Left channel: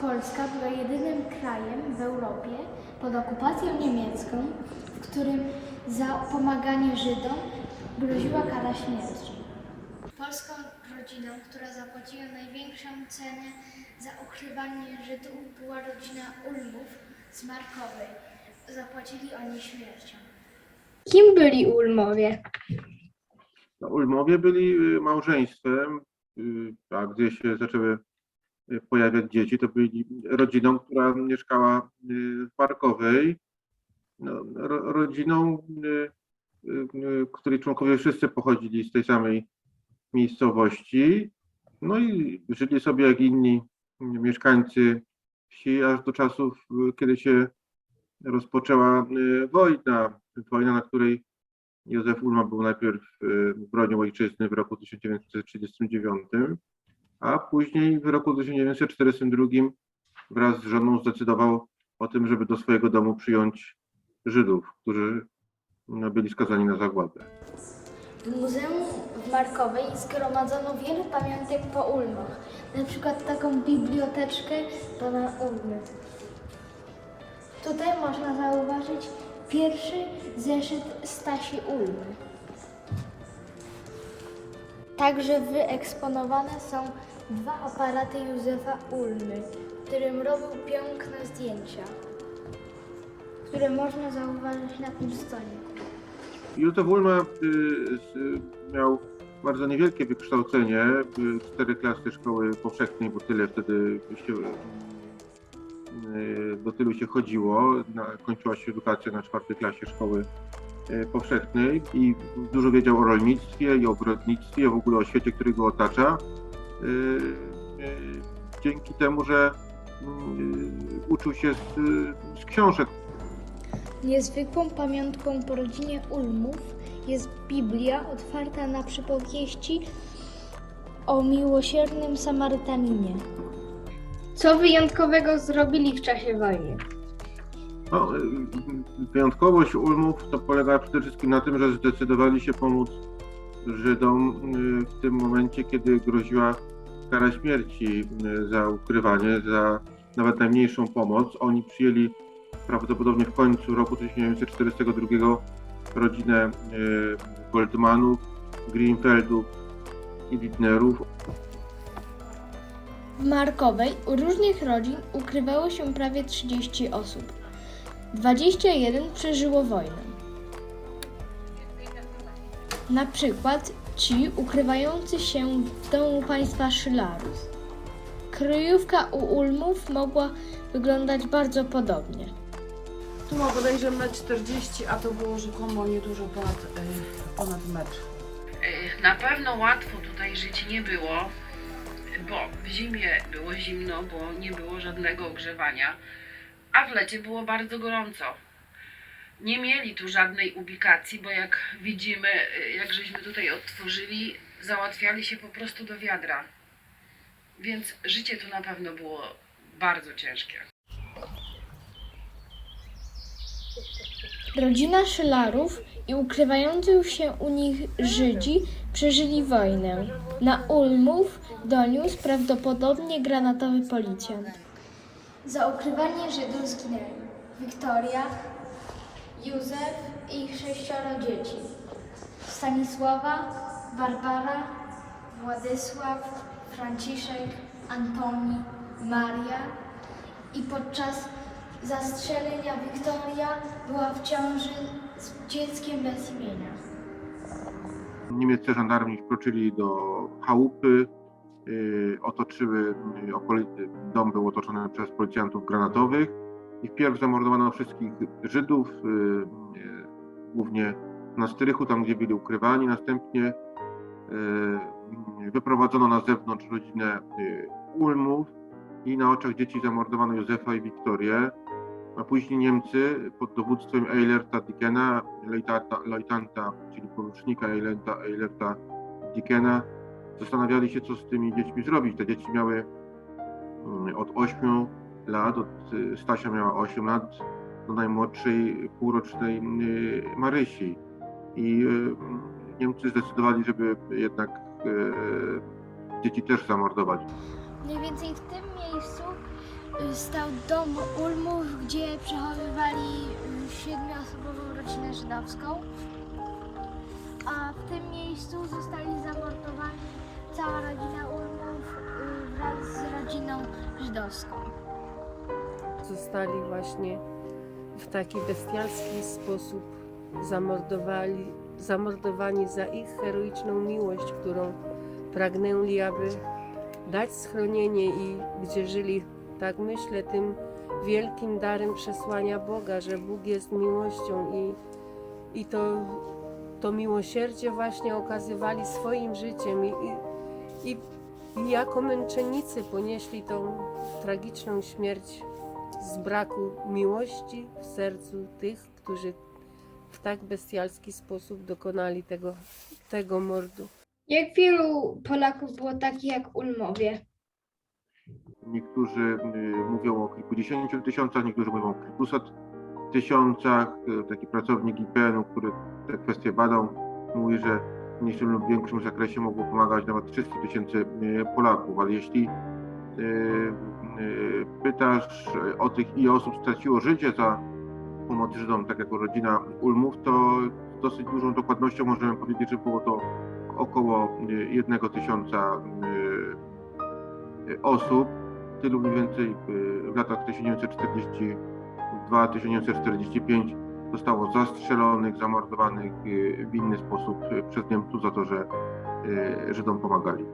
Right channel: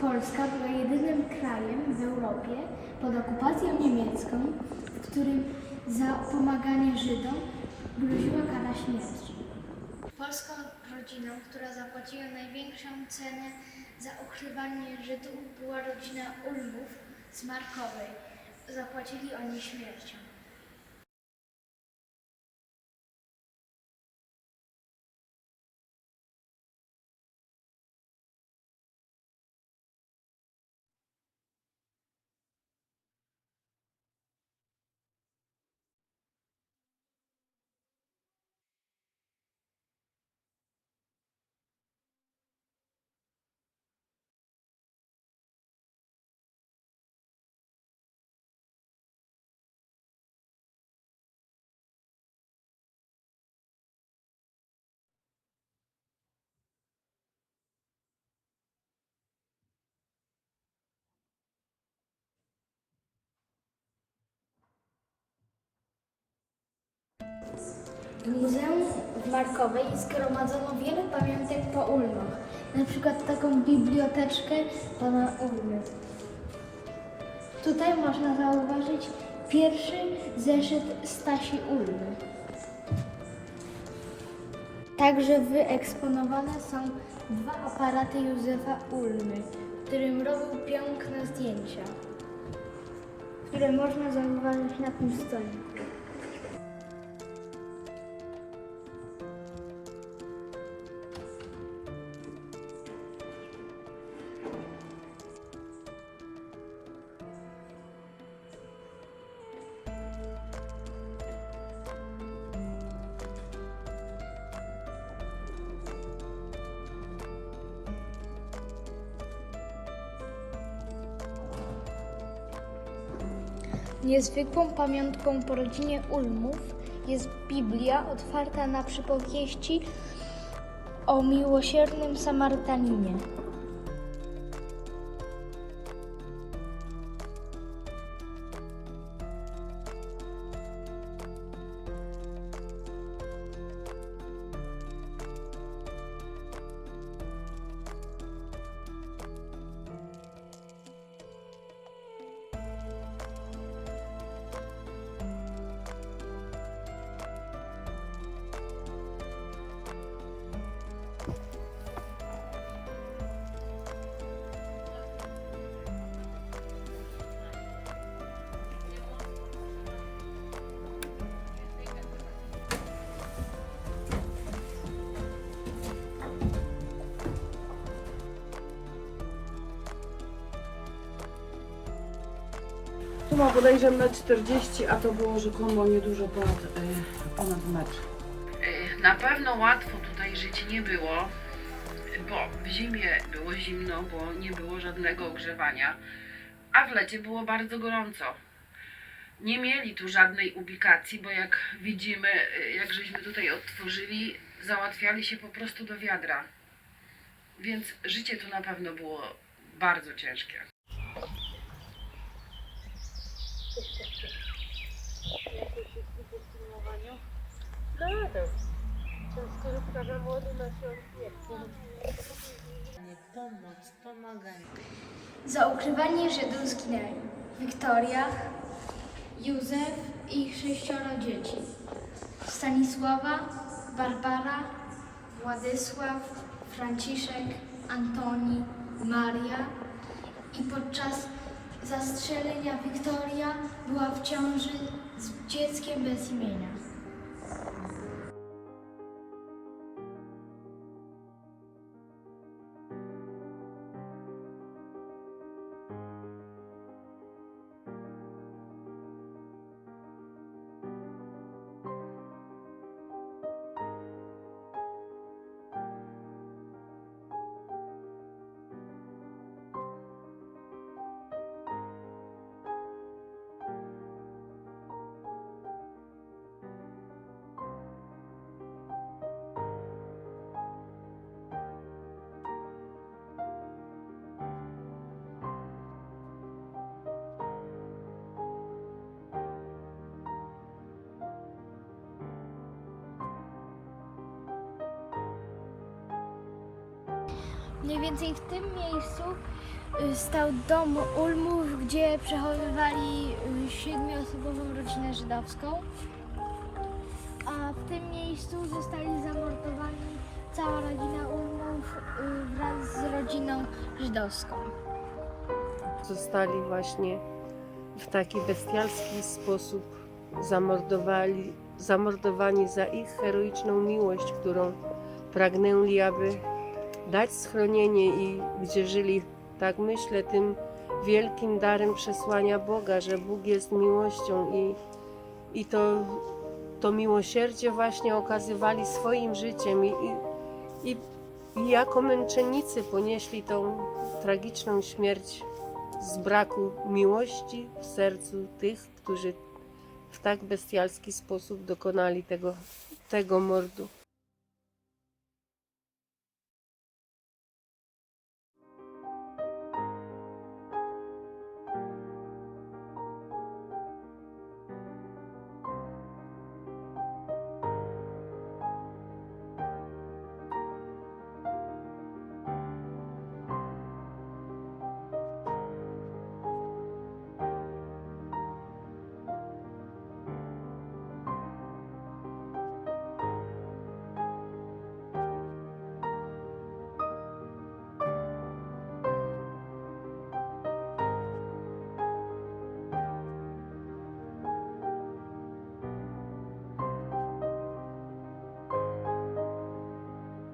Polska była jedynym krajem w Europie pod okupacją niemiecką, w którym za pomaganie Żydom groziła kara śmierci. Polską rodziną, która zapłaciła największą cenę za ukrywanie Żydów, była rodzina Ulmów z Markowej. Zapłacili oni śmiercią. Kim byli Ulmowie? No, Ulmowie byli małżeństwem, a gdy się zaczęły pojawiać dzieci, to byli rodziną, która mieszkała w Markowej. No, rodziną, której członkowie wszyscy pochodzili z tej samej miejscowości. No i żyli sobie jak inni mieszkańcy wsi, aż do czasów, kiedy się rozpoczęła wojna, na której Józef Ulma był najpierw bronią ojczyzny w roku 1939, a później w roku 1942 wraz z żoną zdecydował o tym, żeby do swojego domu przyjąć Żydów, którzy byli skazani na zagładę. W muzeum w Markowej zgromadzono wiele pamiątek po Ulmach, na przykład taką biblioteczkę pana Ulmy. Tutaj można zauważyć pierwszy zeszyt Stasi Ulmy. Także wyeksponowane są dwa aparaty Józefa Ulmy, którym robił piękne zdjęcia, które można zauważyć na tym stoliku. Józef Ulma miał bardzo niewielkie wykształcenie, 4 klasy szkoły powszechnej, bo tyle wtedy do tylu się chodziło. Kończyła się edukacja na 4 klasie szkoły powszechnej i dużo wiedział o rolnictwie i ogrodnictwie, w ogóle o świecie, który go otacza. Dzięki temu, że uczył się z książek. Niezwykłą pamiątką po rodzinie Ulmów jest Biblia otwarta na przypowieści o miłosiernym Samarytaninie. Co wyjątkowego zrobili w czasie wojny? No, wyjątkowość Ulmów to polega przede wszystkim na tym, że zdecydowali się pomóc Żydom w tym momencie, kiedy groziła kara śmierci za ukrywanie, za nawet najmniejszą pomoc. Oni przyjęli prawdopodobnie w końcu roku 1942 rodzinę Goldmanów, Greenfeldów i Widnerów. W Markowej u różnych rodzin ukrywało się prawie 30 osób. 21 przeżyło wojnę. Na przykład ci ukrywający się w domu państwa Szylarów. Kryjówka u Ulmów mogła wyglądać bardzo podobnie. Tu ma bodajże 1,40 m, a to było rzekomo niedużo ponad metr. Na pewno łatwo tutaj żyć nie było, bo w zimie było zimno, bo nie było żadnego ogrzewania, a w lecie było bardzo gorąco. Nie mieli tu żadnej ubikacji, bo jak widzimy, jak żeśmy tutaj odtworzyli, załatwiali się po prostu do wiadra. Więc życie tu na pewno było bardzo ciężkie. Rodzina Szylarów i ukrywający się u nich Żydzi przeżyli wojnę. Na Ulmów doniósł prawdopodobnie granatowy policjant. Za ukrywanie Żydów zginęli Wiktoria, Józef i 6 dzieci. Stanisława, Barbara, Władysław, Franciszek, Antoni, Maria i podczas zastrzelenia Wiktoria była w ciąży z dzieckiem bez imienia. Niemieccy żandarmi wkroczyli do chałupy, otoczyły, dom był otoczony przez policjantów granatowych i wpierw zamordowano wszystkich Żydów, głównie na strychu, tam gdzie byli ukrywani. Następnie wyprowadzono na zewnątrz rodzinę Ulmów i na oczach dzieci zamordowano Józefa i Wiktorię. A później Niemcy pod dowództwem Eilerta Dickena, lejtanta, czyli porucznika Eilerta Dickena, zastanawiali się, co z tymi dziećmi zrobić. Te dzieci miały od 8 lat, Stasia miała 8 lat, do najmłodszej półrocznej Marysi. I Niemcy zdecydowali, żeby jednak dzieci też zamordować. Mniej więcej w tym miejscu stał dom Ulmów, gdzie przechowywali 7-osobową rodzinę żydowską. A w tym miejscu zostali zamordowani cała rodzina Ulmów wraz z rodziną żydowską. Zostali właśnie w taki bestialski sposób zamordowani za ich heroiczną miłość, którą pragnęli, aby dać schronienie i gdzie żyli, tak myślę, tym wielkim darem przesłania Boga, że Bóg jest miłością i to miłosierdzie właśnie okazywali swoim życiem i jako męczennicy ponieśli tą tragiczną śmierć z braku miłości w sercu tych, którzy w tak bestialski sposób dokonali tego mordu. Jak wielu Polaków było takich jak Ulmowie? Niektórzy mówią o kilkudziesięciu tysiącach, niektórzy mówią o kilkuset tysiącach. Taki pracownik IPN-u, który te kwestie badał, mówi, że w mniejszym lub większym zakresie mogło pomagać nawet 300 000 Polaków, ale jeśli pytasz o tych, ile osób straciło życie za pomoc Żydom, tak jak rodzina Ulmów, to z dosyć dużą dokładnością możemy powiedzieć, że było to około 1 000 osób. Tylu mniej więcej w latach 1942-1945 zostało zastrzelonych, zamordowanych w inny sposób przez Niemców za to, że Żydom pomagali.